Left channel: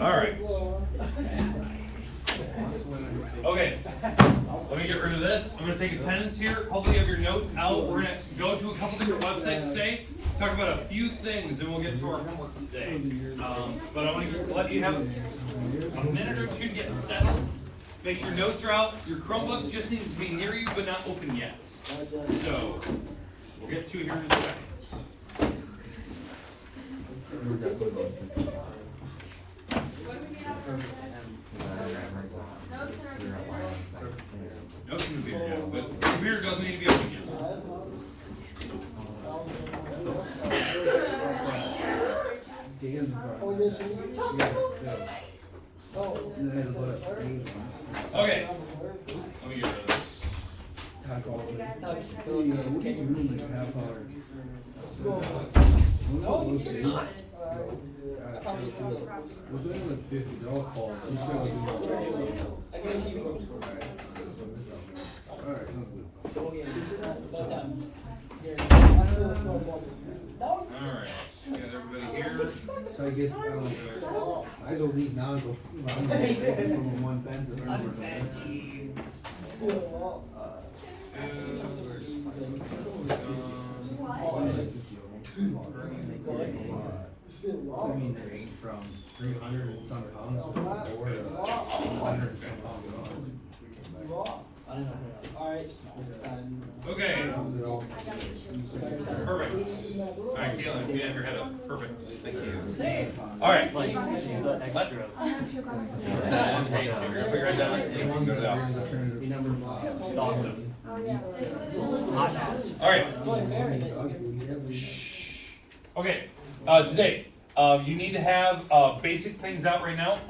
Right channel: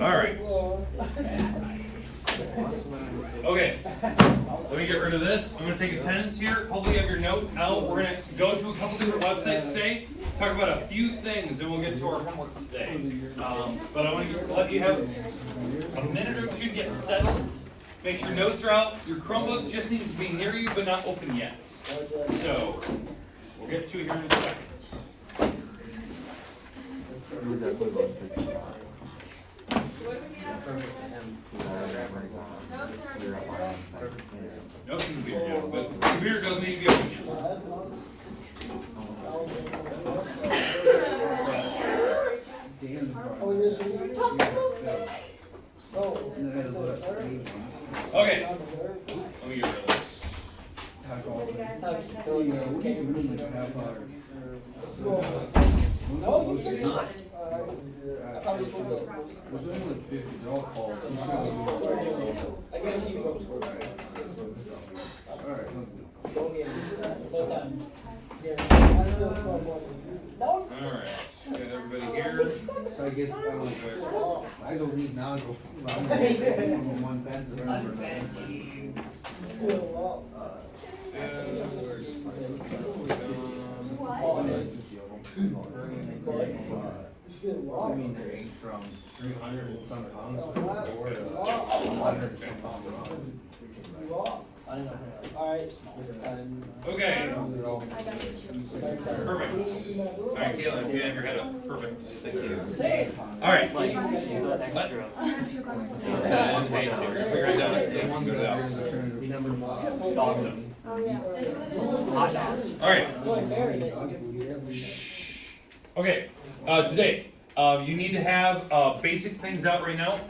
All right. Okay. Let me get rid of this. I'm going to take attendance here. Hopefully you have your notes out. We're going to go to a couple different websites today, talk about a few things, and we'll get to our homework today. But I want to let you have a minute or two to get settled. Make sure your notes are out. Your Chromebook just needs to be near you, but not open yet. So we'll get to it here in a second. Notes can be open, but the computer doesn't need to be open yet. Okay. Let me get rid of this. Alright, get everybody here. So I get, I go read now and go from one pen to another. I mean, they range from 300 and some pounds to 100 and some pounds. Okay. Perfect. Alright, Caitlin, you have your head up. Perfect. Thank you. Alright. And hey, if you're gonna figure it out, you can go to the office. Alright. Okay. Today, you need to have basic things out right now.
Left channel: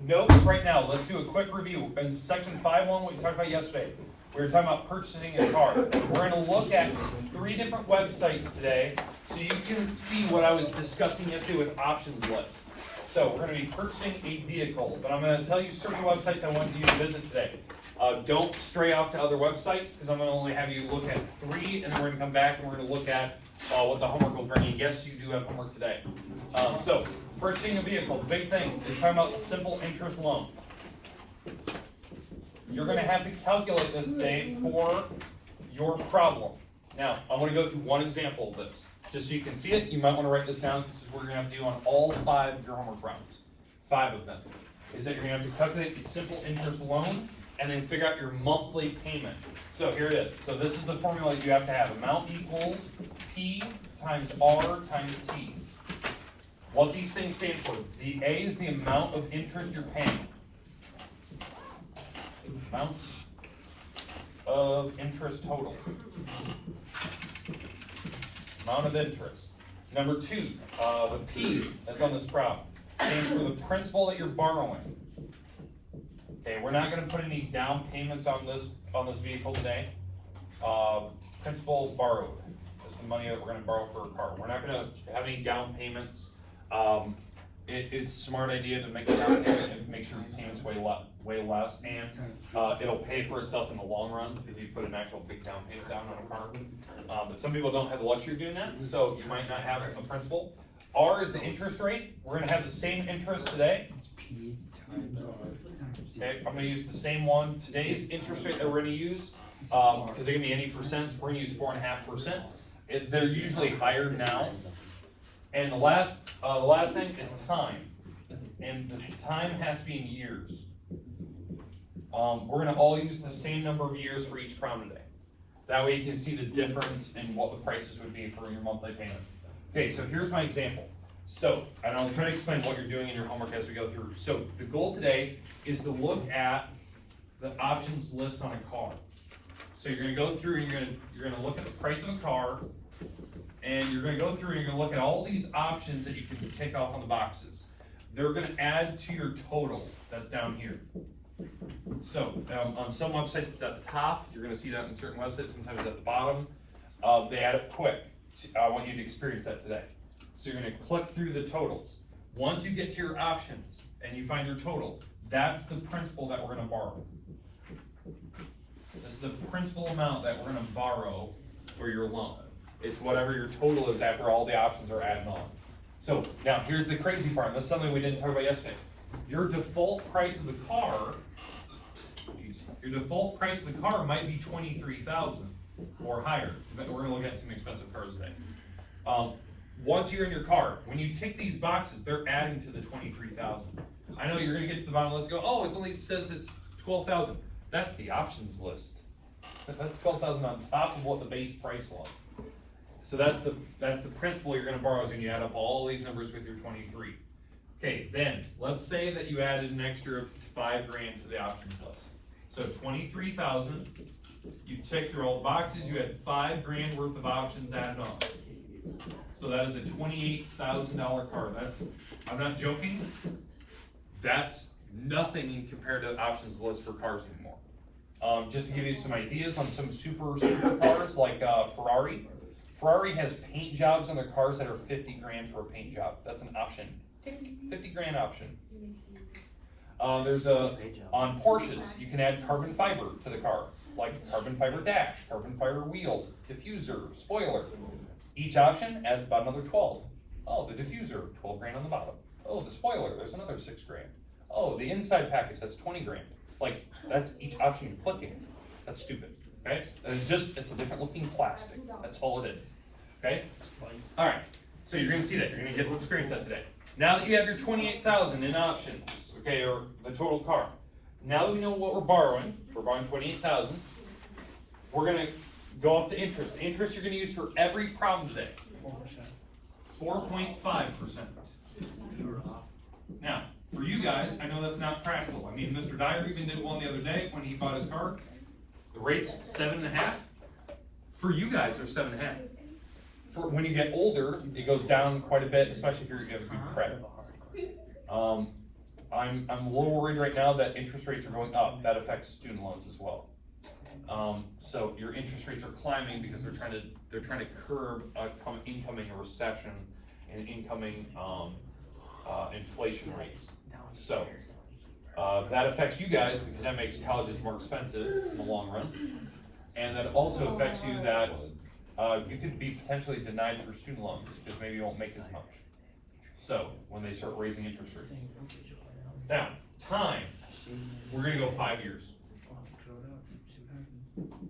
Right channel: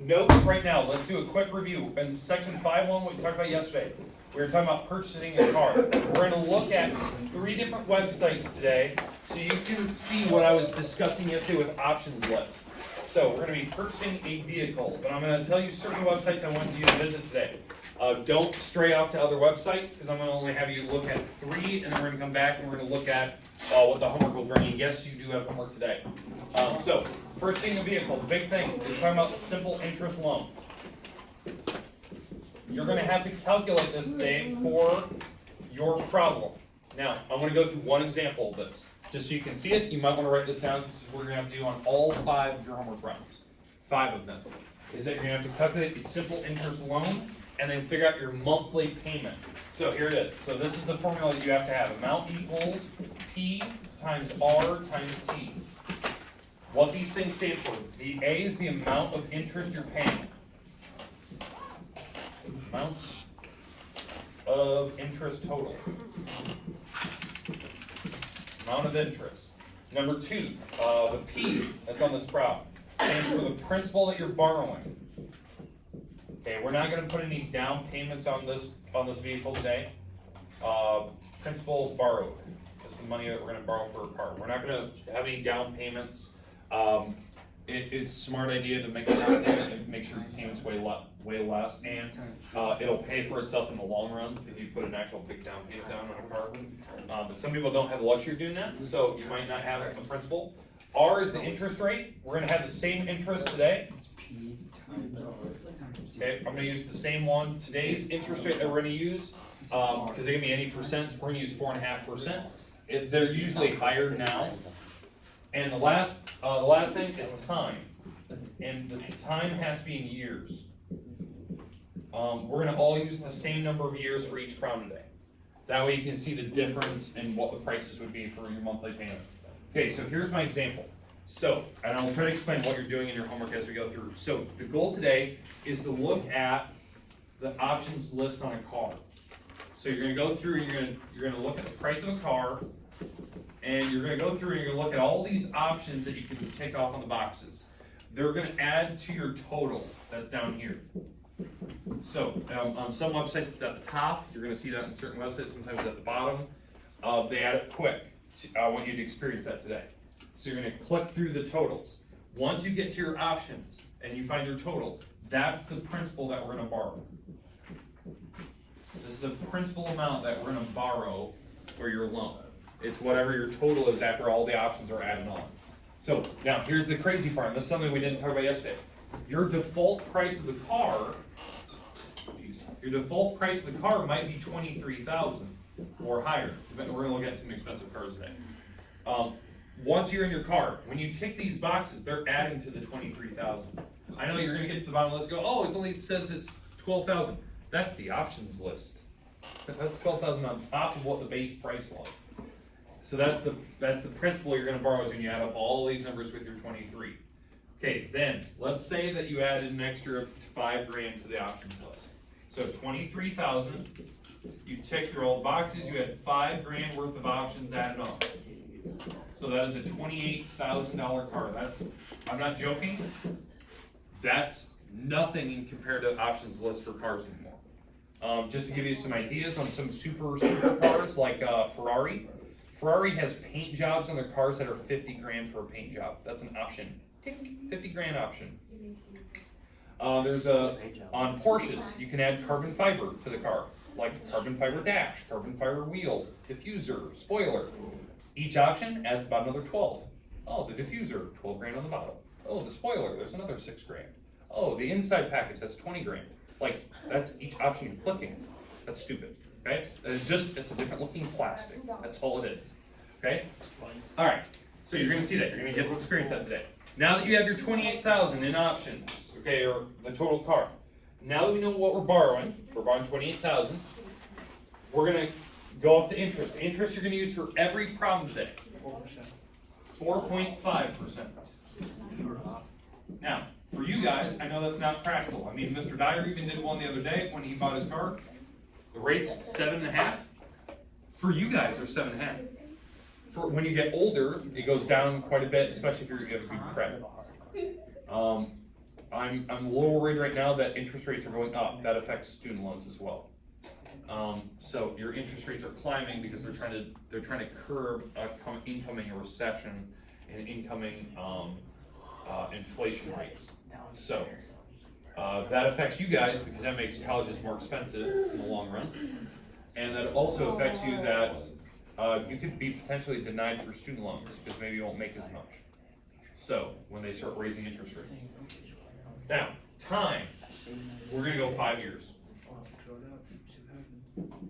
Notes right now. Let's do a quick review. In section 5.1, what we talked about yesterday, we were talking about purchasing a car. We're going to look at 3 different websites today so you can see what I was discussing yesterday with options lists. So we're going to be purchasing a vehicle, but I'm going to tell you certain websites I want you to visit today. Don't stray off to other websites because I'm going to only have you look at 3, and then we're going to come back and we're going to look at what the homework will bring you. Yes, you do have homework today. So purchasing a vehicle, the big thing is talking about simple interest loan. You're going to have to calculate this today for your problem. Now, I want to go through one example of this. Just so you can see it, you might want to write this down. This is what you're going to have to do on all 5 of your homework problems. 5 of them. Is that you're going to have to calculate a simple interest loan and then figure out your monthly payment. So here it is. So this is the formula that you have to have. Amount equals P times R times T. What these things stand for. The A is the amount of interest you're paying. Amounts of interest total. Amount of interest. Number 2, the P that's on this problem stands for the principal that you're borrowing. Okay, we're not going to put any down payments on this vehicle today. Principal borrowed. That's the money that we're going to borrow for a car. We're not going to have any down payments. It's a smart idea to make a down payment and make sure the payment's way less, and it'll pay for itself in the long run if you put an actual big down payment down on a car. But some people don't have the luxury of doing that, so you might not have a principal. R is the interest rate. We're going to have the same interest today. Okay, I'm going to use the same one. Today's interest rate that we're going to use, because they can be any percents, we're going to use 4.5%. They're usually higher now. And the last thing is time, and the time has to be in years. We're going to all use the same number of years for each problem today. That way you can see the difference in what the prices would be for your monthly payment. Okay, so here's my example. So, and I'll try to explain what you're doing in your homework as we go through. So the goal today is to look at the options list on a car. So you're going to go through and you're going to look at the price of a car, and you're going to go through and you're going to look at all these options that you can take off on the boxes. They're going to add to your total that's down here. So on some websites it's at the top. You're going to see that in certain websites. Sometimes at the bottom. They add it quick. I want you to experience that today. So you're going to click through the totals. Once you get to your options and you find your total, that's the principal that we're going to borrow. This is the principal amount that we're going to borrow for your loan. It's whatever your total is after all the options are added on. So now here's the crazy part, and this is something we didn't talk about yesterday. Your default price of the car, might be 23,000 or higher. We're gonna look at some expensive cars today. Once you're in your car, when you tick these boxes, they're adding to the 23,000. I know you're gonna get to the bottom of the list and go, oh, it only says it's 12,000. That's the options list. That's 12,000 on top of what the base price was. So that's the principle you're gonna borrow is when you add up all these numbers with your 23. Okay, then let's say that you added an extra $5,000 to the options list. So 23,000, you tick through all the boxes, you had $5,000 worth of options added on. So that is a $28,000 car. I'm not joking, that's nothing in compared to the options list for cars anymore. Just to give you some ideas on some super cars like Ferrari. Ferrari has paint jobs on their cars that are $50,000 for a paint job. That's an option. $50,000 option. On Porsches, you can add carbon fiber to the car, like carbon fiber dash, carbon fiber wheels, diffuser, spoiler. Each option adds about another 12. Oh, the diffuser, $12,000 on the bottom. Oh, the spoiler, there's another $6,000. Oh, the inside package, that's $20,000. Like, that's each option you're clicking. That's stupid, okay? And it's a different looking plastic. That's all it is, okay? All right, so you're gonna see that. You're gonna get to experience that today. Now that you have your 28,000 in options, okay, or the total car. Now that we know what we're borrowing 28,000, we're gonna go off the interest. The interest you're gonna use for every problem today. 4.5%. Now, for you guys, I know that's not practical. I mean, Mr. Dyer even did one the other day when he bought his car. The rate's 7.5. For you guys, they're 7.5. For when you get older, it goes down quite a bit, especially if you have a good credit. I'm a little worried right now that interest rates are going up. That affects student loans as well. So your interest rates are climbing because they're trying to curb incoming a recession and incoming inflation rates. So that affects you guys because that makes colleges more expensive in the long run, and that also affects you that you could be potentially denied for student loans because maybe you won't make as much. So when they start raising interest rates. Now, time. We're gonna go 5 years.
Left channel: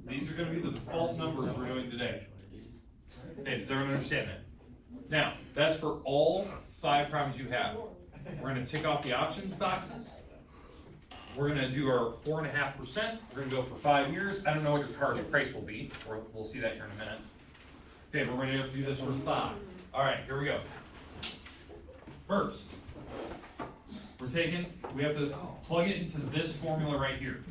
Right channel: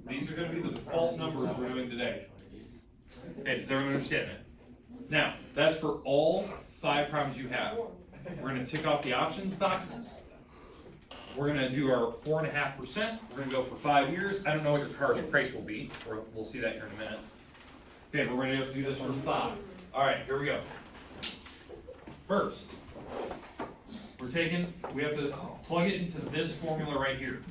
These are gonna be the default numbers we're doing today. Okay, does everyone understand that? Now, that's for all 5 problems you have. We're gonna tick off the options boxes. We're gonna do our 4.5%. We're gonna go for 5 years. I don't know what your car's price will be, or we'll see that here in a minute. Okay, we're gonna have to do this for 5. All right, here we go. First, we have to plug it into this formula right here.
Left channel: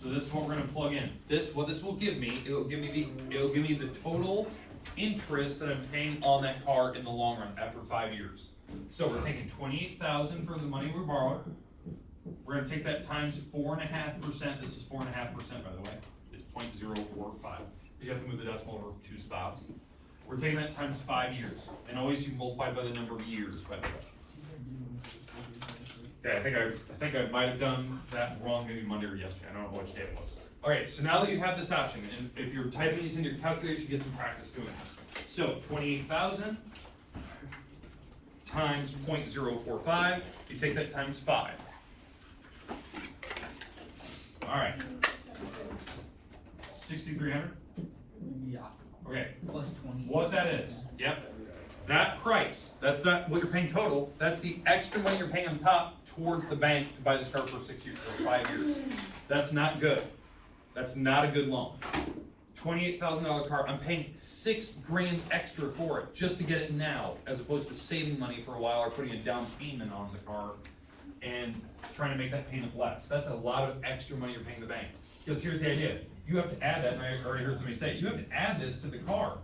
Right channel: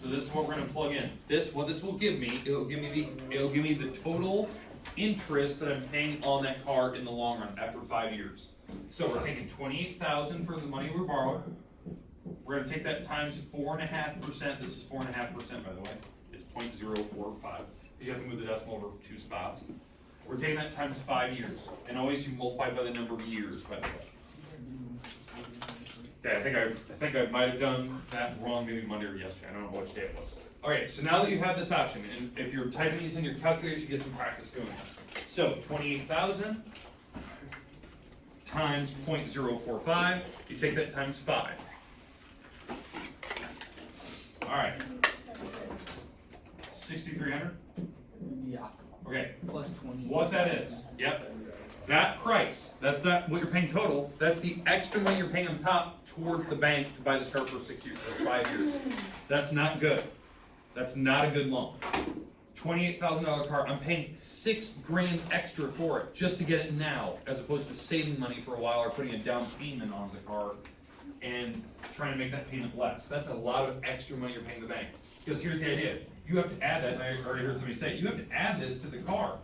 So this is what we're gonna plug in. What this will give me, it'll give me the total interest that I'm paying on that car in the long run after 5 years. So we're taking 28,000 for the money we borrowed. We're gonna take that times 4.5%. This is 4.5%, by the way. It's 0.045. You have to move the decimal over 2 spots. We're taking that times 5 years, and always you multiply by the number of years, by the way. Okay, I think I might have done that wrong maybe Monday or yesterday. I don't know which day it was. All right, so now that you have this option, and if you're typing these in your calculator, you get some practice doing this. So 28,000 times 0.045. You take that times 5. All right. 6,300. Yeah. Okay. Plus 20. What that is? Yep. That price, that's not what you're paying total, that's the extra money you're paying on top towards the bank to buy this car for 6 years, or 5 years. That's not good. That's not a good loan. $28,000 car, I'm paying $6,000 extra for it just to get it now, as opposed to saving money for a while or putting a down payment on the car and trying to make that payment less. That's a lot of extra money you're paying the bank. Because here's the idea. You have to add that, and I already heard somebody say, you have to add this to the car.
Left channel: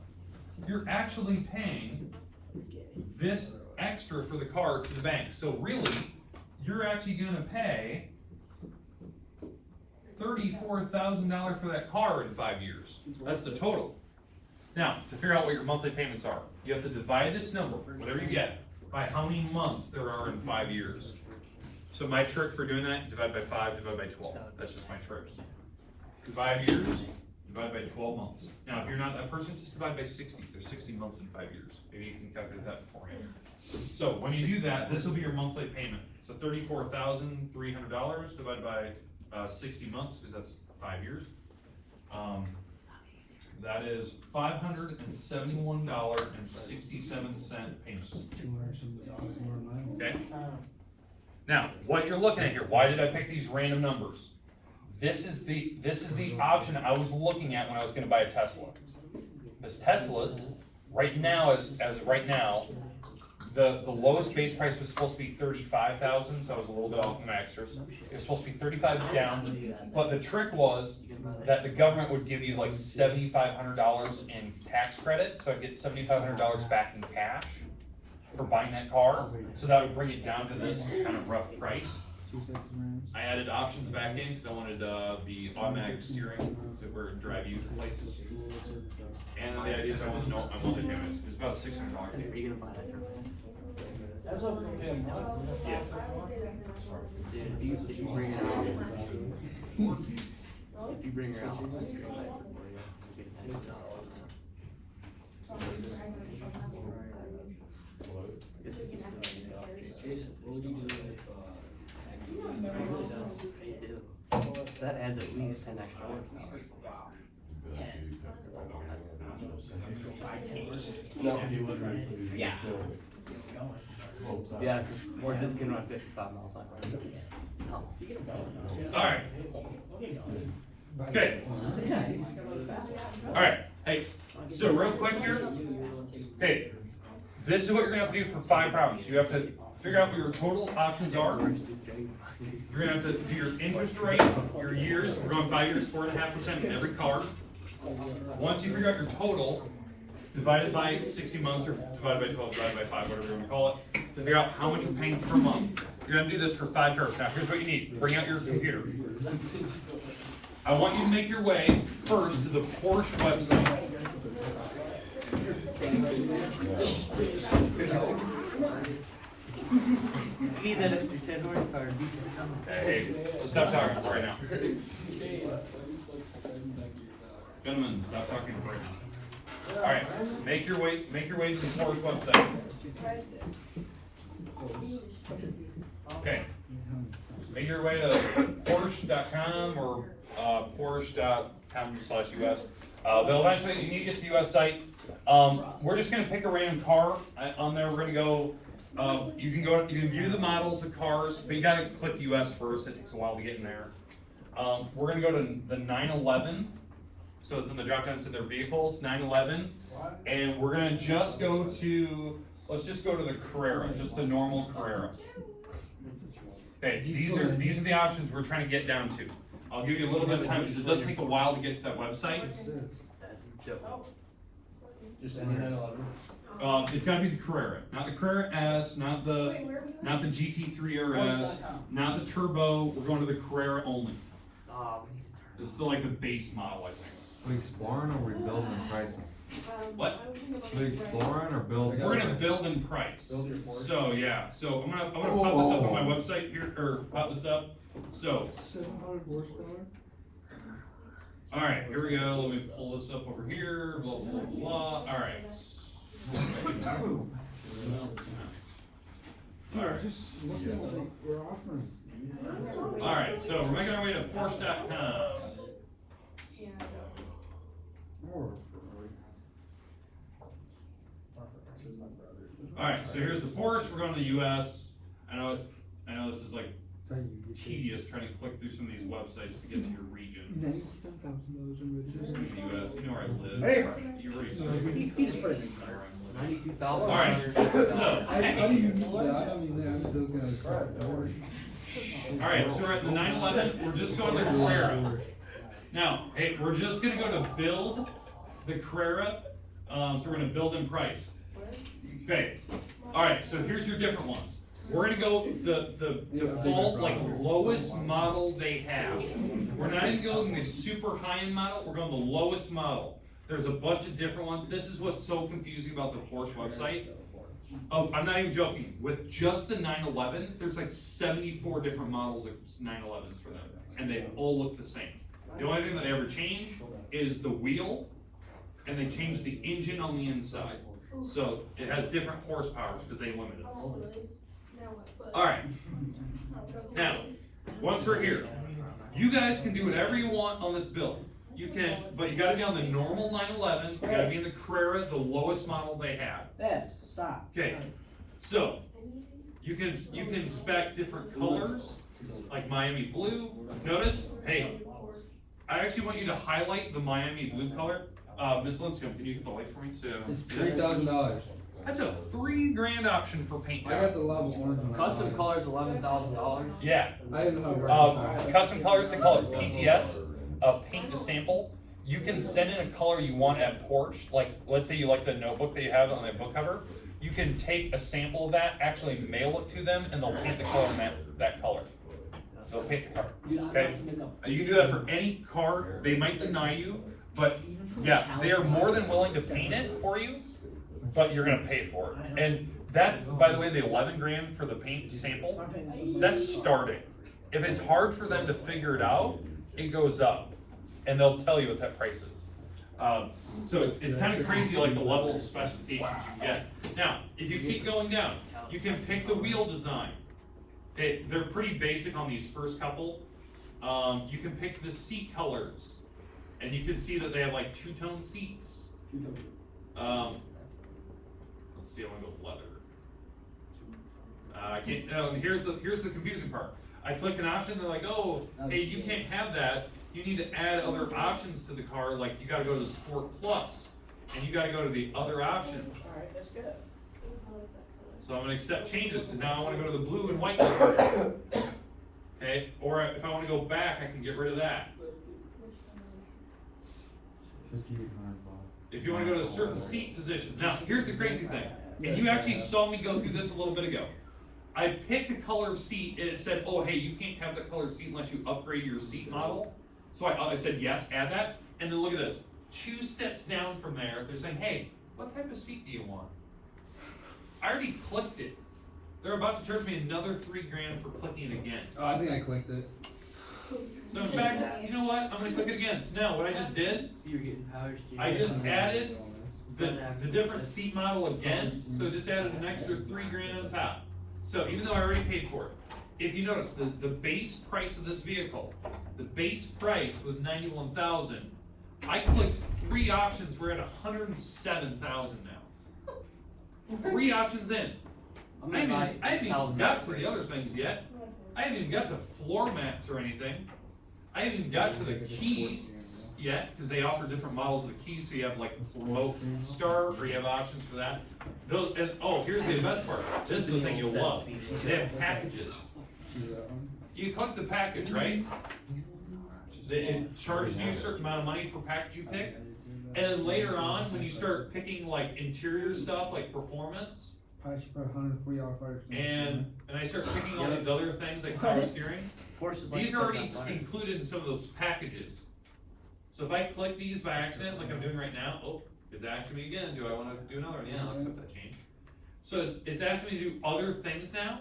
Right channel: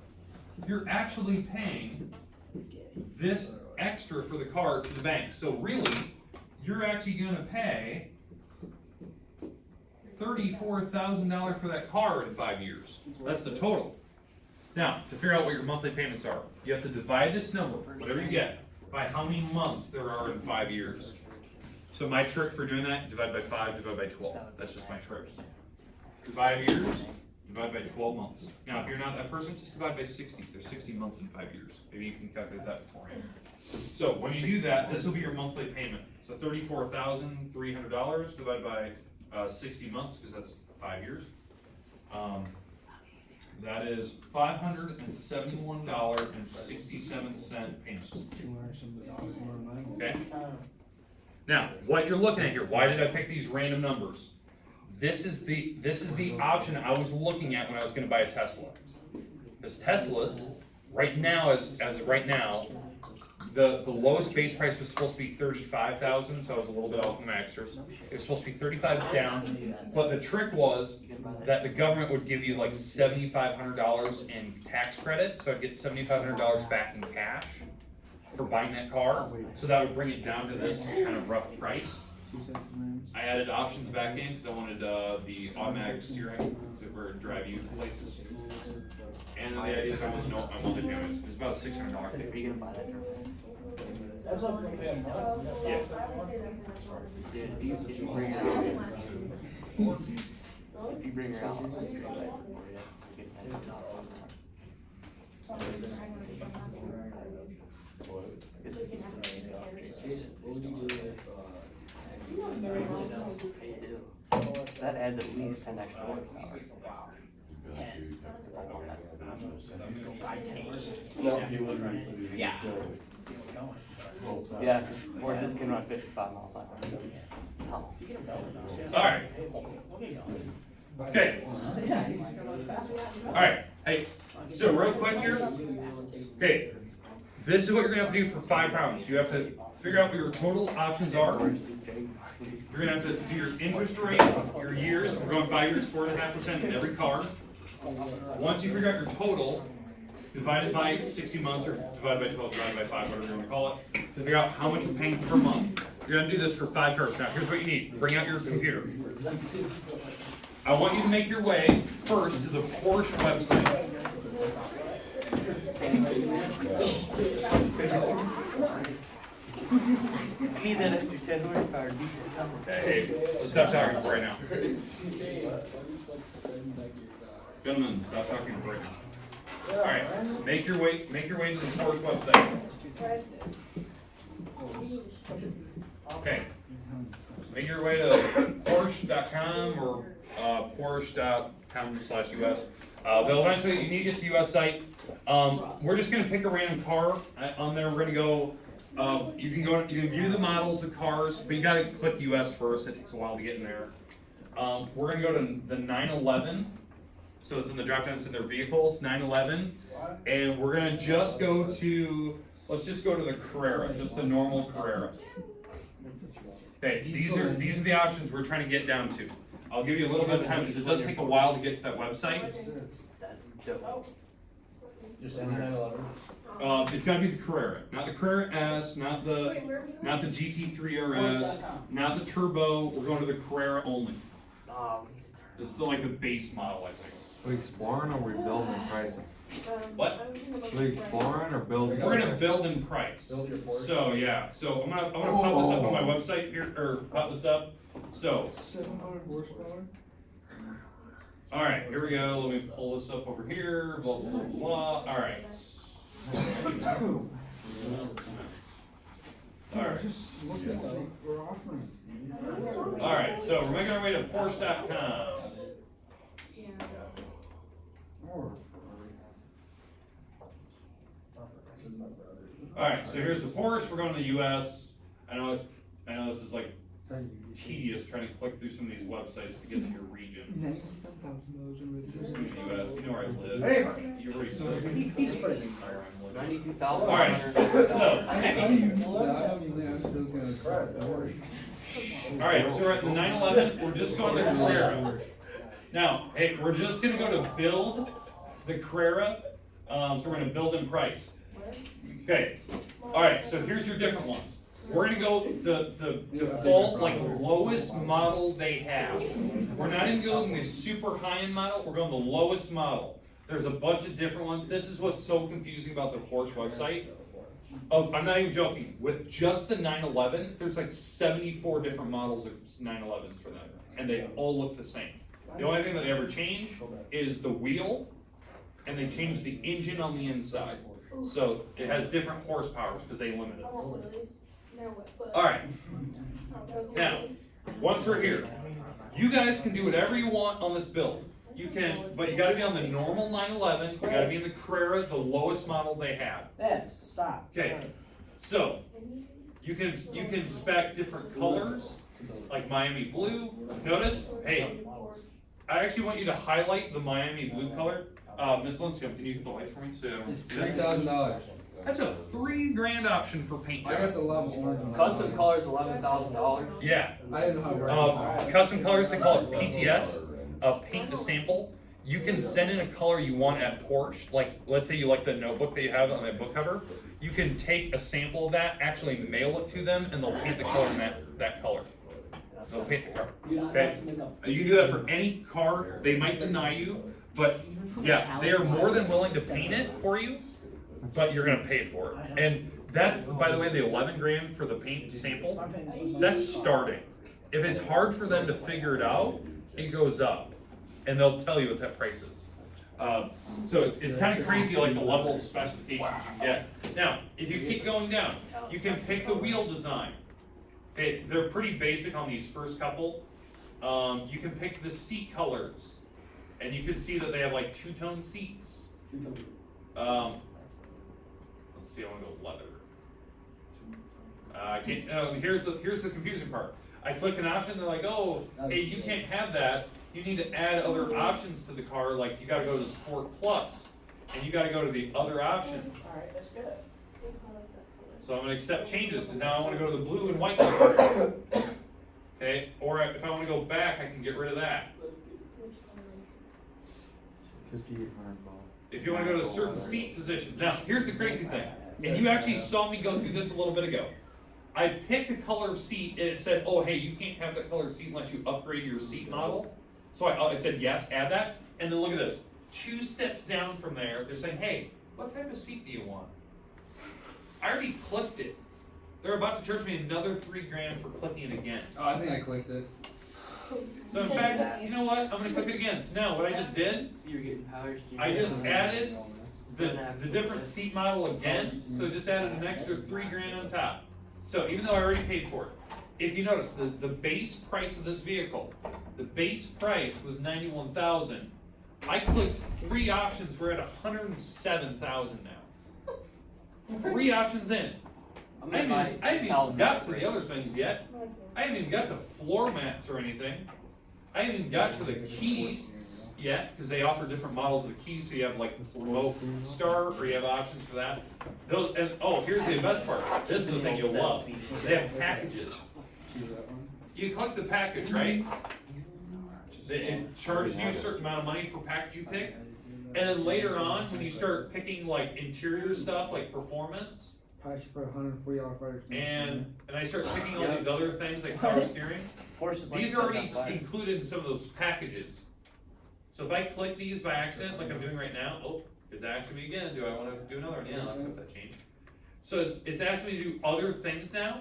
You're actually paying this extra for the car to the bank. So really, you're actually gonna pay $34,000 for that car in 5 years. That's the total. Now, to figure out what your monthly payments are, you have to divide this number, whatever you get, by how many months there are in 5 years. So my trick for doing that, divide by 5, divide by 12. That's just my trick. 5 years, divide by 12 months. Now, if you're not that person, just divide by 60. There's 60 months in 5 years. Maybe you can calculate that beforehand. So when you do that, this will be your monthly payment. So $34,300 divided by 60 months, because that's 5 years. That is $571.67 payment. Okay? Now, what you're looking at here, why did I pick these random numbers? This is the option I was looking at when I was gonna buy a Tesla. Because Teslas, right now, as right now, the lowest base price was supposed to be $35,000, so I was a little bit off my extras. It was supposed to be $35,000 down, but the trick was that the government would give you like $7,500 in tax credit, so I'd get $7,500 back in cash for buying that car. So that would bring it down to this kind of rough price. I added options back in because I wanted the automatic steering to where it drive you to places. And then the idea is I want to know my monthly payments. It's about $600 payment. That's what we're paying. Yes. If you bring your house, Jason, what would you do if, that adds at least 10 extra hours. No. Yeah. Yeah, we're just gonna run 55 miles an hour. Alright. Okay. Alright, hey, so real quick here. Okay, this is what you're gonna have to do for 5 rounds. You have to figure out what your total options are. You're gonna have to do your interest rate, your years. We're going 5 years, 4.5% in every car. Once you figure out your total, divide it by 60 months or divide by 12, divide by 5, whatever you want to call it, to figure out how much you're paying per month. You're gonna do this for 5 cars. Now, here's what you need. Bring out your computer. I want you to make your way first to the Porsche website. I need that extra 10 horsepower. Hey, let's stop talking right now. Gentlemen, stop talking right now. Alright, make your way to the Porsche website. Okay. Make your way to Porsche.com or Porsche.com/US. They'll eventually, you need to get to the US site. We're just gonna pick a random car on there. We're gonna go, you can view the models of cars, but you gotta click US first. It takes a while to get in there. We're gonna go to the 911. So it's in the drop downs in their vehicles, 911. And we're gonna just go to, let's just go to the Carrera, just the normal Carrera. Okay, these are the options we're trying to get down to. I'll give you a little bit of time because it does take a while to get to that website. just any 911? It's gotta be the Carrera, not the Carrera S, not the GT3 RS, not the Turbo. We're going to the Carrera only. It's still like the base model, I think. We exploring or we building pricing? What? We exploring or building? We're gonna build in price. Build your Porsche. So yeah, so I'm gonna pop this up on my website here, or pop this up. So, 700 horsepower? all right, here we go. Let me pull this up over here. Blah blah blah blah. All right. All right. Just look at what we're offering. All right. So we're making our way to Porsche.com. All right. So here's the Porsche. We're going to the U.S. I know this is like tedious trying to click through some of these websites to get to your region. Just go to the US. You know where I live. Hey. You already said. Just put it in this car. 92,000. All right. So. All right. So we're at the 911. We're just going to the Carrera. Now, hey, we're just going to go to build the Carrera. So we're going to build in price. Okay. All right. So here's your different ones. We're gonna go the default, like lowest model they have. We're not even going the super high-end model, we're going the lowest model. There's a bunch of different ones. This is what's so confusing about the Porsche website. Oh, I'm not even joking. With just the 911, there's like 74 different models of 911s for them. And they all look the same. The only thing that they ever change is the wheel, and they change the engine on the inside. So it has different horsepowers because they limit it. Alright, now, once we're here, you guys can do whatever you want on this build. You can, but you gotta be on the normal 911, you gotta be in the Carrera, the lowest model they have. Yes, stop. Okay, so, you can spec different colors, like Miami blue. Notice, hey, I actually want you to highlight the Miami blue color. Miss Linscomb, can you hit the light for me? So It's $3,000. that's a $3,000 option for paint I got job. the level orange one. Custom colors, $11,000. Yeah, I didn't know how to work. custom colors, they call it PTS, paint to sample. You can send in a color you want at Porsche, like, let's say you like the notebook that you have on that book cover. You can take a sample of that, actually mail it to them, and they'll paint the color in that color. So they'll paint the car, okay? You can do that for any car, they might deny you, but yeah, they are more than willing to paint it for you, but you're gonna pay for it. And that's, by the way, the 11 grand for the paint sample, that's starting. If it's hard for them to figure it out, it goes up, and they'll tell you what that price is. So it's kind of crazy, like the level of specifications you get. Now, if you keep going down, you can pick the wheel design. Okay, they're pretty basic on these first couple. You can pick the seat colors, and you can see that they have like two-tone seats. Let's see, I want to go with leather. Here's the confusing part. I click an option, they're like, oh, hey, you can't have that. You need to add other options to the car, like you gotta go to the Sport Plus, and you gotta go to the other options. Alright, that's good. So I'm gonna accept changes, because now I wanna go to the blue and white color. Okay, or if I wanna go back, I can get rid of that. If you wanna go to certain seat positions. Now, here's the crazy thing, and you actually saw me go through this a little bit ago. I picked a color of seat, and it said, oh, hey, you can't have that color of seat unless you upgrade your seat model. So I said, yes, add that, and then look at this. 2 steps down from there, they're saying, hey, what type of seat do you want? I already clicked it. They're about to charge me another $3,000 for clicking it again. Oh, I think I clicked it. So in fact, you know what, I'm gonna click it again. So now, what I just did, So you're getting power steering. I just added the different seat model again, so it just added an extra $3,000 on top. So even though I already paid for it, if you notice, the base price of this vehicle, the base price was $91,000. I clicked 3 options, we're at $107,000 now. 3 options in. I haven't even got to the other things yet. I haven't even got to floor mats or anything. I haven't even got to the keys yet, because they offer different models of the keys, so you have like low star, or you have options for that. Those, and oh, here's the best part. This is the thing you'll love. They have packages. You click the package, right? It charges you a certain amount of money for package you pick, and then later on, when you start picking like interior stuff, like performance, Probably should put 140 off right. and I start picking all these other things like power steering, these are already included in some of those packages. So if I click these by accident, like I'm doing right now, oh, it's asking me again, do I want to do another one? Yeah, I'll accept that change. So it's asking me to do other things now.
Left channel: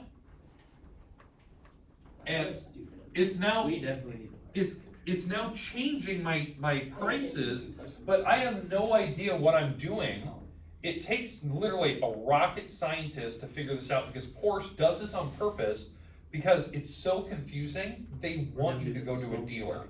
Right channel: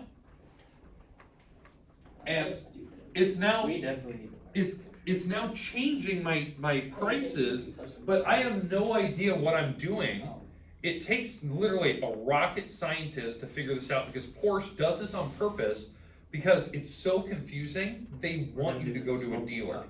And it's now, We definitely need it's now changing my prices, but I have no idea what I'm doing. It takes literally a rocket scientist to figure this out, because Porsche does this on purpose, because it's so confusing, they want you to go to a dealer.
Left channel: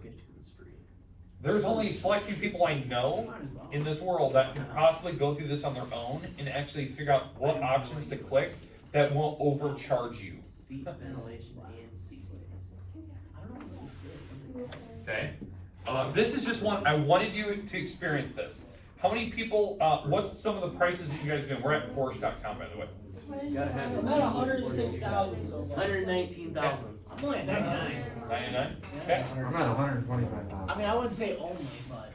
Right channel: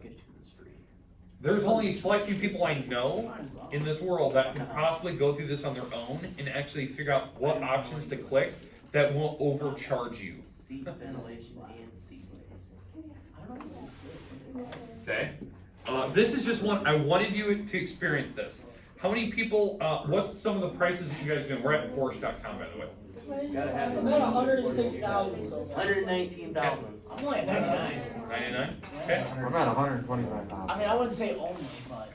There's only a select few people I know in this world that can possibly go through this on their own and actually figure out what options to click that won't overcharge you. seat ventilation and seat layers. Okay? This is just one, I wanted you to experience this. How many people, what's some of the prices that you guys are doing? We're at Porsche.com, by the way. Gotta have I'm at 106,000 so far. 119,000. I'm only at 99. 99? Okay. I'm at 125,000. I mean, I wouldn't say only, but.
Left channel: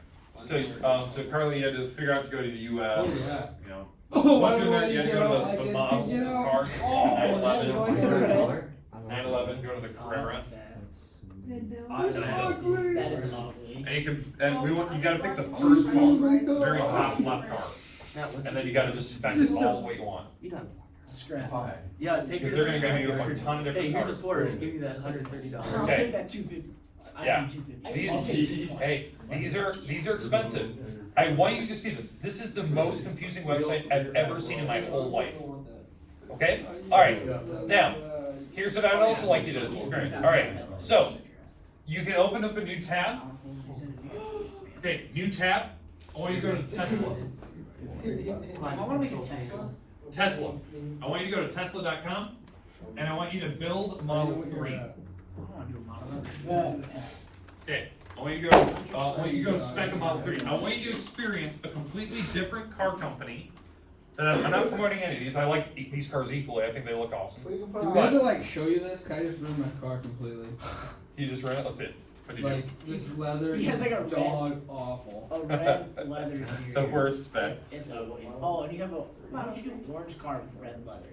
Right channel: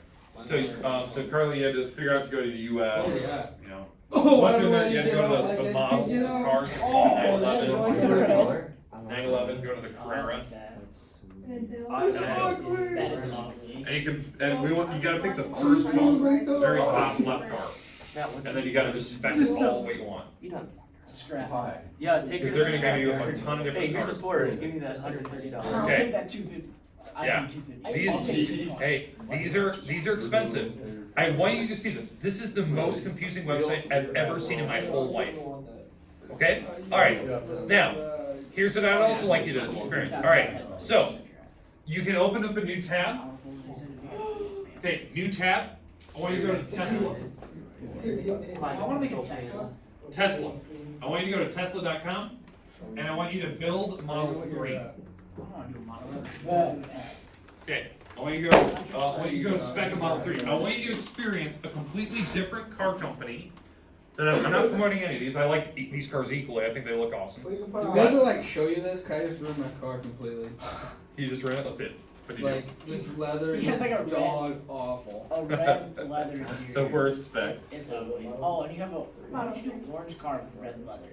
So Carly, you had to figure out to go to the US, Oh, yeah. you know. Oh, Once you're there, why you had to do go I to the get models of out? cars, Oh, 911, 911, go to the Carrera. That is lovely. And you gotta pick the first car, very top left car. And then you gotta just spec it all the way you want. You done? Scrap. Yeah, take Because your. they're gonna give you a ton of Hey, different here's a cars. quarter, just give me that $130. Okay. That 250. Yeah. These are expensive. I want you to see this. This is the most confusing website I've ever seen in my whole life. Okay? Alright. Now, here's what I'd also like you to experience. Alright, so you can open up a new tab. Okay, new tab. I want you to go to Tesla. I wanna make a Tesla. Tesla. I want you to go to Tesla.com and I want you to build Model 3. I wanna do a model. Okay, I want you to go spec a Model 3. I want you to experience a completely different car company. And I'm not promoting any of these. I like these cars equally. I think they look awesome. Do I have to like show you this? Can I just ruin my car completely? You just ran it. Let's see it. What did you Like this leather He has is like a red- dog awful. A red leather do? interior. The worst spec. It's a, oh, and you have a orange car with red leather.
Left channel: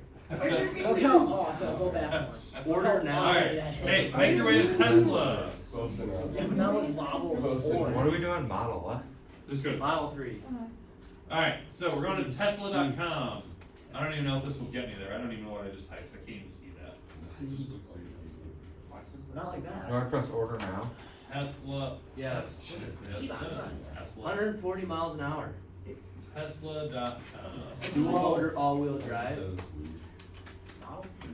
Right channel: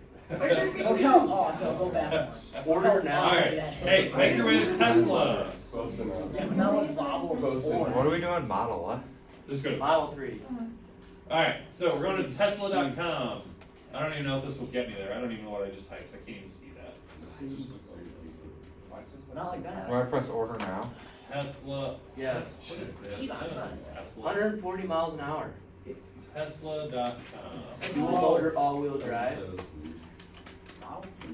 Oh, no, go back. Order now. All right. Hey, make your way to Tesla. Yeah, not a model. What are we doing? Model what? Let's go. Model 3. All right. So we're going to Tesla.com. I don't even know if this will get me there. I don't even know what I just typed. I can't even see that. Not like that. Do I press order now? Tesla. Yeah. What is this? Tesla. 140 miles an hour. Tesla.com. Dual motor, all-wheel drive. Model 3.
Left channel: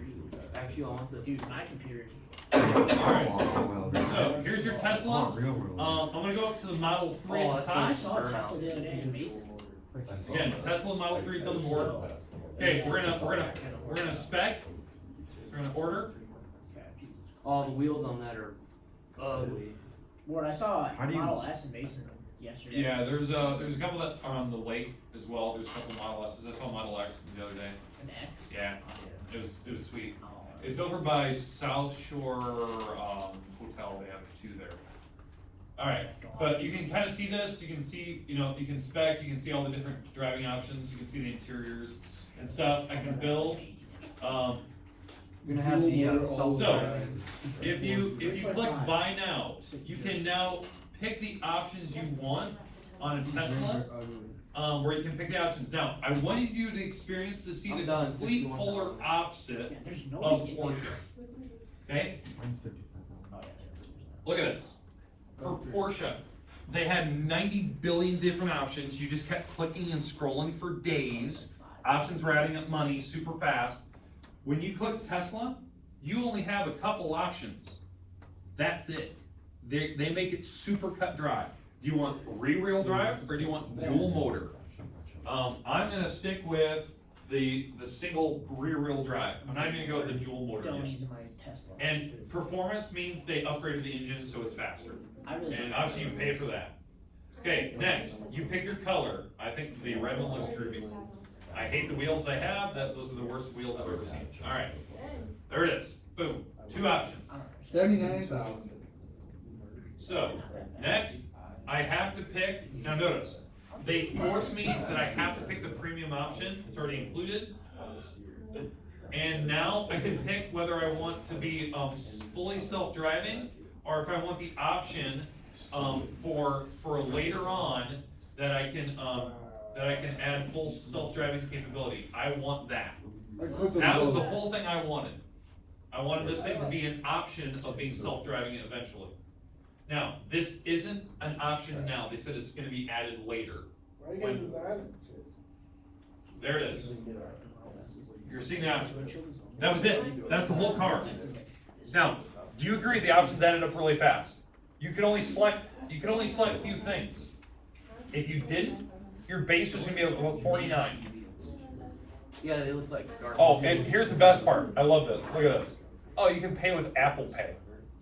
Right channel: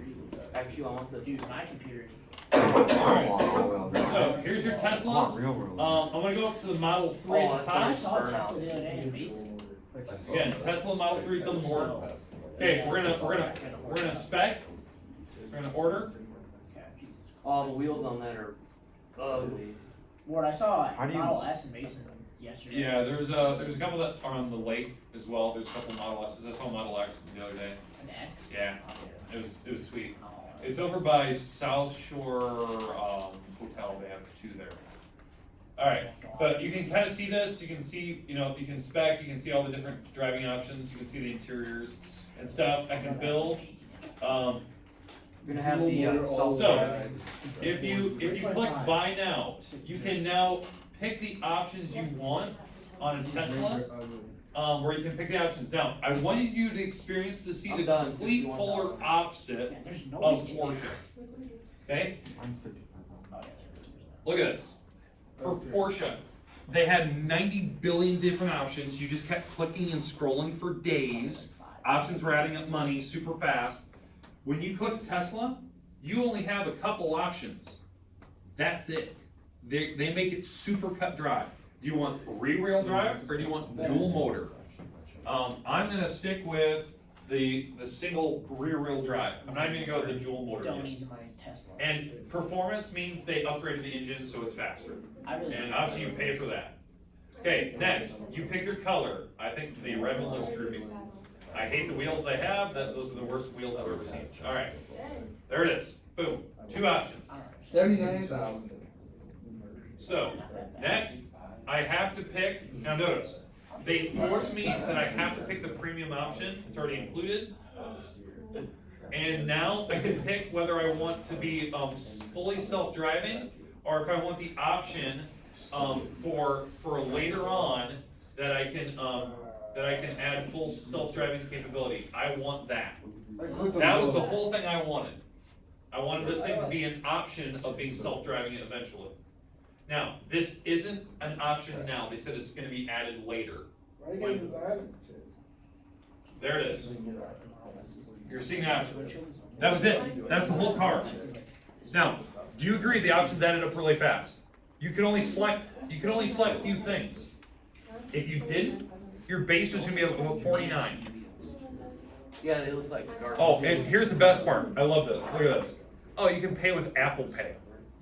Actually, I want this. Dude, my computer. So here's your Tesla. Real world. I'm gonna go up to the Model 3 at the I top. saw Tesla the other day in Mason. Again, Tesla Model 3 is on the board. Okay, we're gonna spec. We're gonna order. All the wheels on that are ugly. Ward, I saw How do you- Model S in Mason yesterday. Yeah, there's a couple that are on the lake as well. There's a couple Model S's. I saw Model X the other day. An X? Yeah, it was sweet. It's over by South Shore Hotel. They have two there. All right, but you can kind of see this. You can see, you can spec. You can see all the different driving options. You can see the interiors and stuff. I can build. You're gonna have the If you click buy now, you can now pick the options you want on a Tesla. Where you can pick the options. Now, I wanted you to experience to see the complete polar opposite Yeah, there's of nobody in Porsche. Okay? Look at this. For Porsche, they had 90 billion different options. You just kept clicking and scrolling for days. Options were adding up money super fast. When you click Tesla, you only have a couple options. That's it. They make it super cut dry. Do you want rear-wheel drive or do you want dual motor? I'm gonna stick with the single rear-wheel drive. I'm not even gonna go with the dual motor. Don't use my Tesla. And performance means they upgraded the engine so it's faster. And obviously you pay for that. Okay, next, you pick your color. I think the red one looks groovy. I hate the wheels they have. Those are the worst wheels I've ever seen. All right, there it is. Boom, 2 options. 79,000. So, next, I have to pick, now notice, they force me that I have to pick the premium option, it's already included. And now I can pick whether I want to be fully self-driving, or if I want the option for later on that I can add full self-driving capability. I want that. That was the whole thing I wanted. I wanted this thing to be an option of being self-driving eventually. Now, this isn't an option now. They said it's gonna be added later. There it is. You're seeing the options. That was it. That's the whole car. Now, do you agree the options added up really fast? You can only select a few things. If you didn't, your base was gonna be about 49. Yeah, they look like garbage. Oh, and here's the best part. I love this. Look at this. Oh, you can pay with Apple Pay.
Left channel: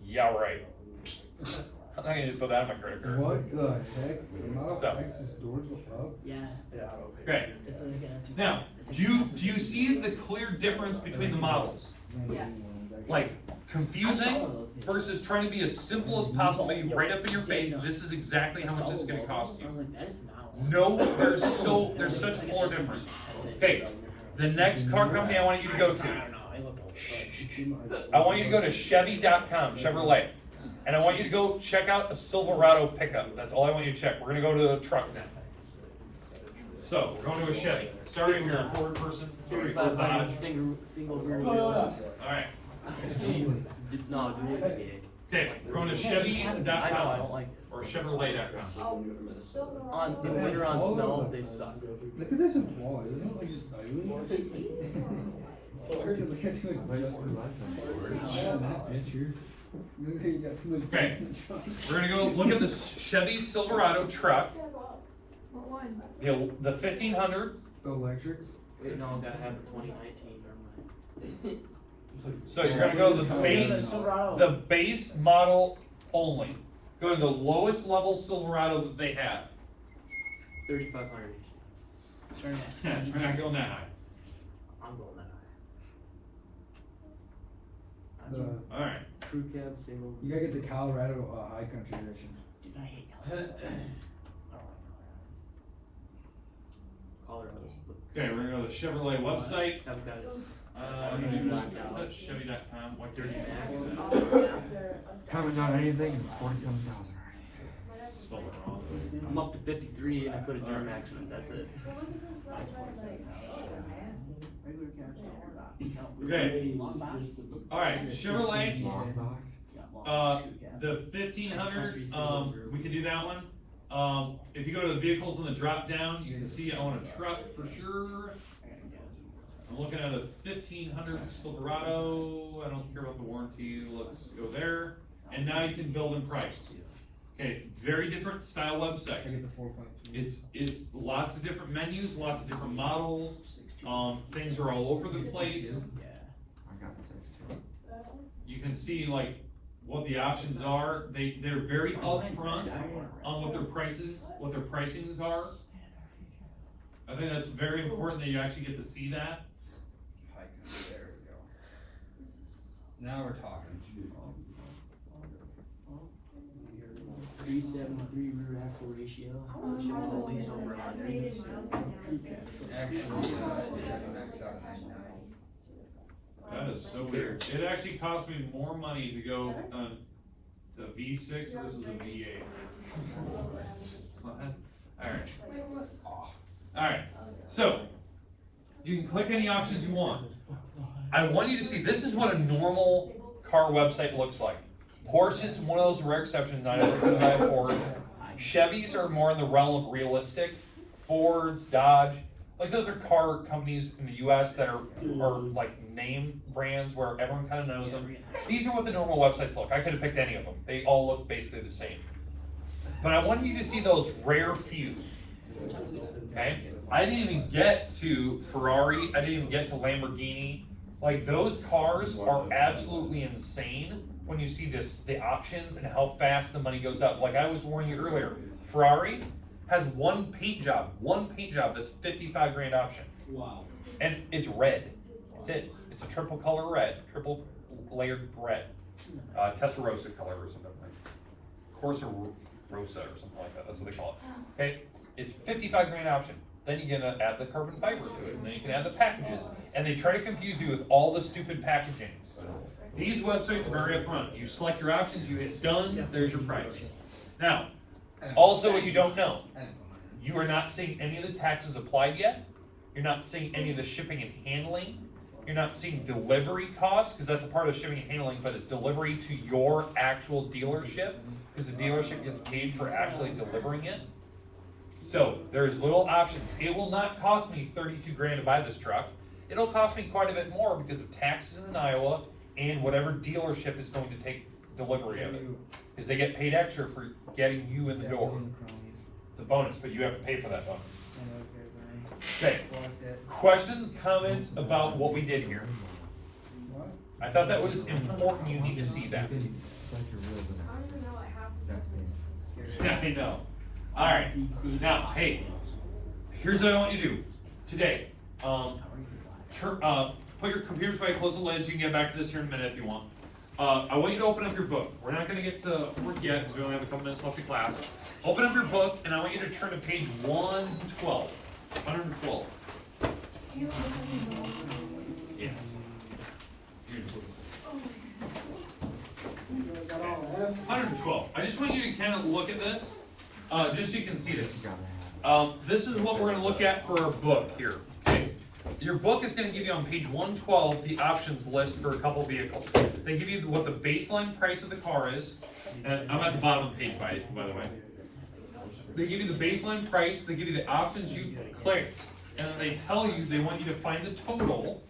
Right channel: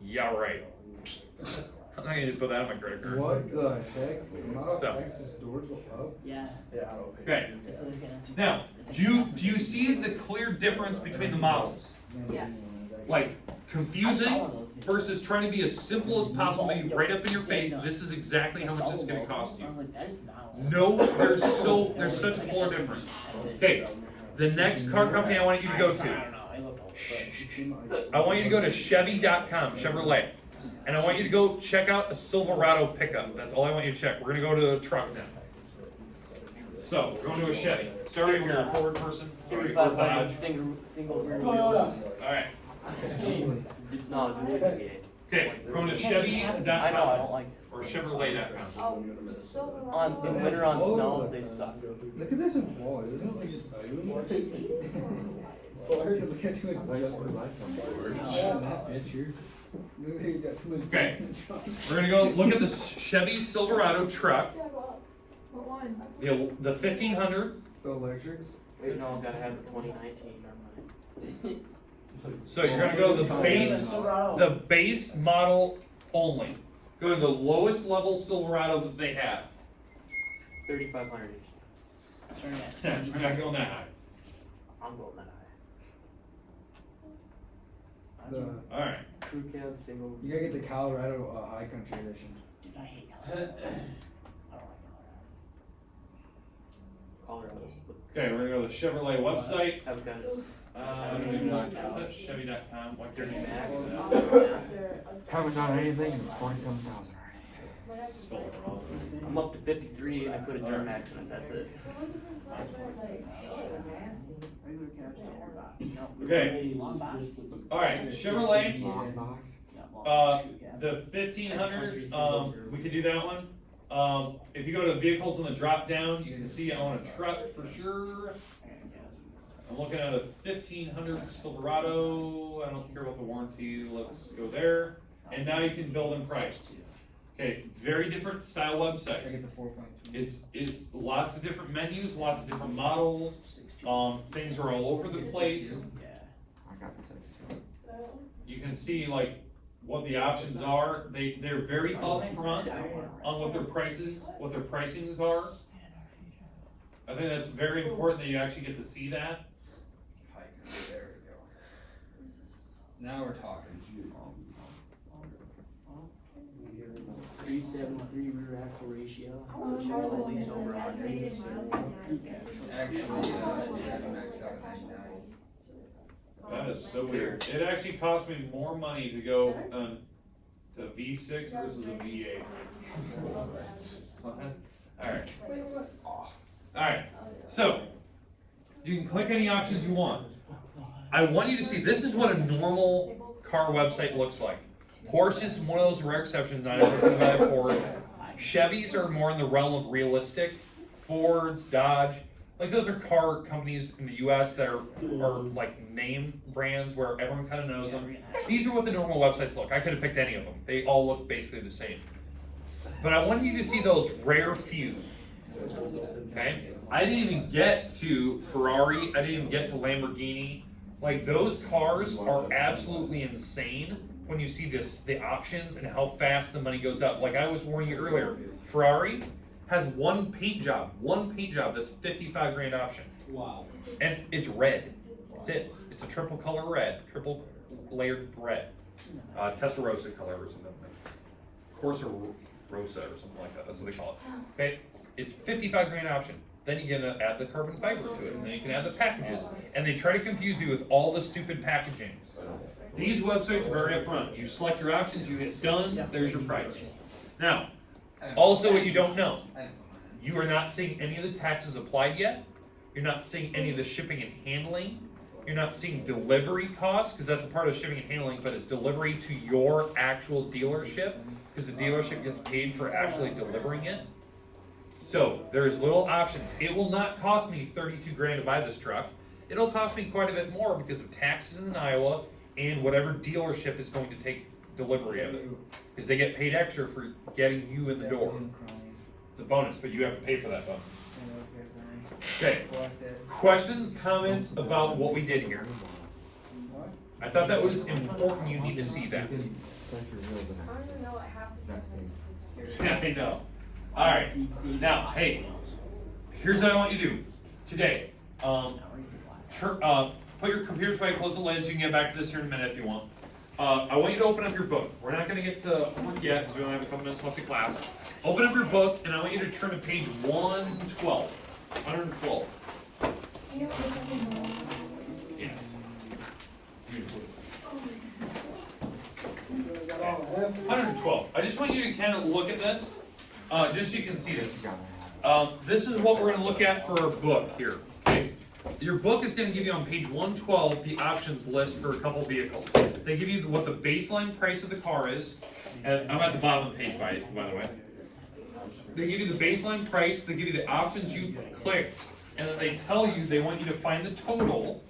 Yeah, right. I'm not gonna put that on my credit card. What the heck? Model So. X's doors are up? Yeah. Okay. It's always gonna ask you- Now, do you see the clear difference between the models? Yeah. Like confusing versus trying to be as simple as possible, make it right up in your face. This is exactly how much it's gonna cost I you. was like, that is not. No, there's such a polar difference. Okay, the next car company I want you to go I to. don't know, I looked I want you to go to Chevy.com, Chevrolet. And I want you to go check out a Silverado pickup. That's all I want you to check. We're gonna go to the truck now. So, we're going to a Chevy. Sorry if you're a forward person. Sorry, or single rear wheel. Alright, No, dual motor. Okay, we're going to Chevy.com. I know, I don't like Or Chevrolet.com. on in winter on snow, they suck. Look at this wall, isn't it like just ugly? Look at too much that picture. Maybe you got too much. Okay. We're gonna go look at the Chevy Silverado truck. The 1500. The electrics. Wait, no, I gotta have the 2019. So you're gonna go the base model only. Go to the lowest level Silverado that they have. 3500 each. We're not going that high. I'm going that high. The, All right. Crew cabs, they will. you gotta get the Colorado high country edition. Dude, I hate Colorado. I don't like Colorado's. Okay, we're gonna go to the Chevrolet website. I've got it. Is that Chevy.com? Why can't Haven't done anything, and it's 47,000 spell it wrong? I'm up to 53 and I put a germ accident, that's it. Okay. All right, Chevrolet. Long box. The 1500, we could do that one. If you go to the vehicles in the drop down, you can see I want a truck for sure. I'm looking at a 1500 Silverado. I don't care about the warranty. Let's go there. And now you can build and price. Okay, very different style I website. get the 4.2. It's lots of different menus, lots of different models. Things are all over the place. I got the 62. You can see like what the options are. They're very upfront on what their pricings are. I think that's very important that you actually get to see that. There we go. Now we're talking. 373 rear axle ratio. So she had at least over 100. Actually, max out 99. That is so weird. It actually cost me more money to go to V6 versus a V8. Alright. Alright, so you can click any options you want. I want you to see, this is what a normal car website looks like. Porsche is one of those rare exceptions, I know it's gonna buy a Porsche. Chevys are more in the realm of realistic. Fords, Dodge, like those are car companies in the US that are like name brands where everyone kind of knows them. These are what the normal websites look. I could have picked any of them. They all look basically the same. But I want you to see those rare few. Okay? I didn't even get to Ferrari. I didn't even get to Lamborghini. Like those cars are absolutely insane when you see the options and how fast the money goes up. Like I was warning you earlier, Ferrari has one paint job that's 55 grand option. Wow. And it's red. That's it. It's a triple color red, triple layered red. Testarossa color or something like Corsa Rosa or something like that. That's what they call it. Okay? It's 55 grand option. Then you can add the carbon fiber to it, and then you can add the packages. And they try to confuse you with all the stupid packaging. These websites are very upfront. You select your options, you hit done, there's your price. Now, also what you don't know, you are not seeing any of the taxes applied yet. You're not seeing any of the shipping and handling. You're not seeing delivery costs, because that's a part of shipping and handling, but it's delivery to your actual dealership, because the dealership gets paid for actually delivering it. So there's little options. It will not cost me 32 grand to buy this truck. It'll cost me quite a bit more because of taxes in Iowa and whatever dealership is going to take delivery of it. Because they get paid extra for getting you in the door. It's a bonus, but you have to pay for that bonus. Okay. Questions, comments about what we did here? I thought that was important. You need to see that. I know. All right. Now, hey, here's what I want you to do today. Put your computers away, close the lids. You can get back to this here in a minute if you want. I want you to open up your book. We're not going to get to work yet because we only have a couple minutes left of class. Open up your book, and I want you to turn to page 112. 112. Yeah. Beautiful. 112. I just want you to kind of look at this, just so you can see this. This is what we're going to look at for our book here. Okay. your book is gonna give you on page 112 the options list for a couple vehicles. They give you what the baseline price of the car is, and I'm at the bottom of the page by the way. They give you the baseline price, they give you the options you clicked, and then they tell you they want you to find the total.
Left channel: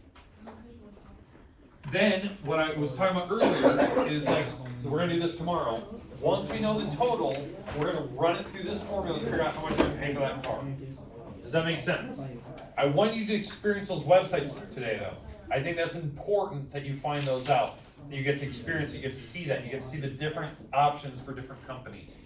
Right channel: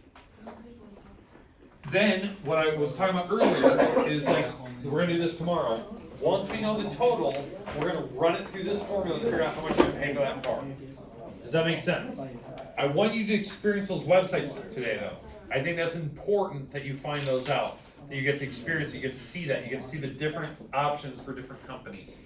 Then, what I was talking about earlier is like, we're gonna do this tomorrow. Once we know the total, we're gonna run it through this formula to figure out how much we're gonna pay for that car. Does that make sense? I want you to experience those websites today though. I think that's important that you find those out. That you get to experience, you get to see that, you get to see the different options for different companies.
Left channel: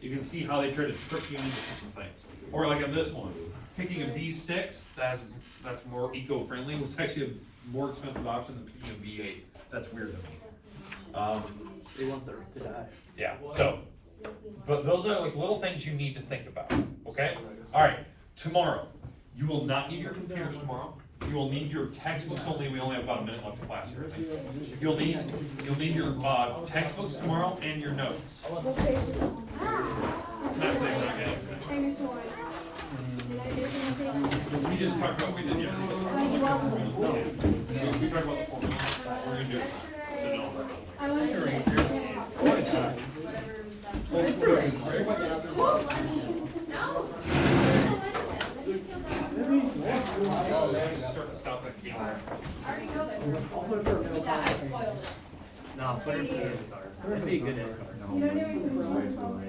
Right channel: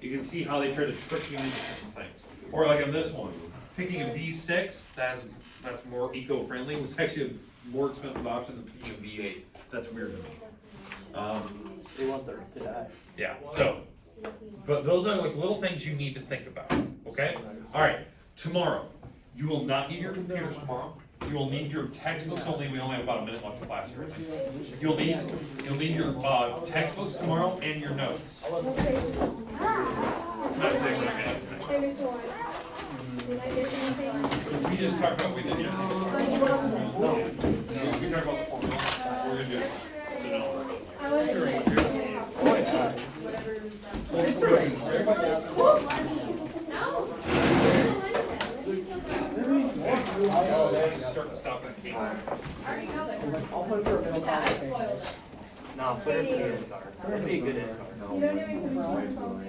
You can see how they try to trick you into different things. Or like on this one, picking a V6 that's more eco-friendly was actually a more expensive option than picking a V8. That's weird to me. They want the Earth to die. Yeah, so, but those are like little things you need to think about, okay? All right, tomorrow, you will not need your computers tomorrow. You will need your textbooks only. We only have about a minute left of class here, I think. You'll need your textbooks tomorrow and your notes. Not saying we're not getting tonight. We just talked about what we did yesterday. We talked about the formula. We're gonna do it. Start to stop that key. I'll put it for a middle class. No, better be a good. No.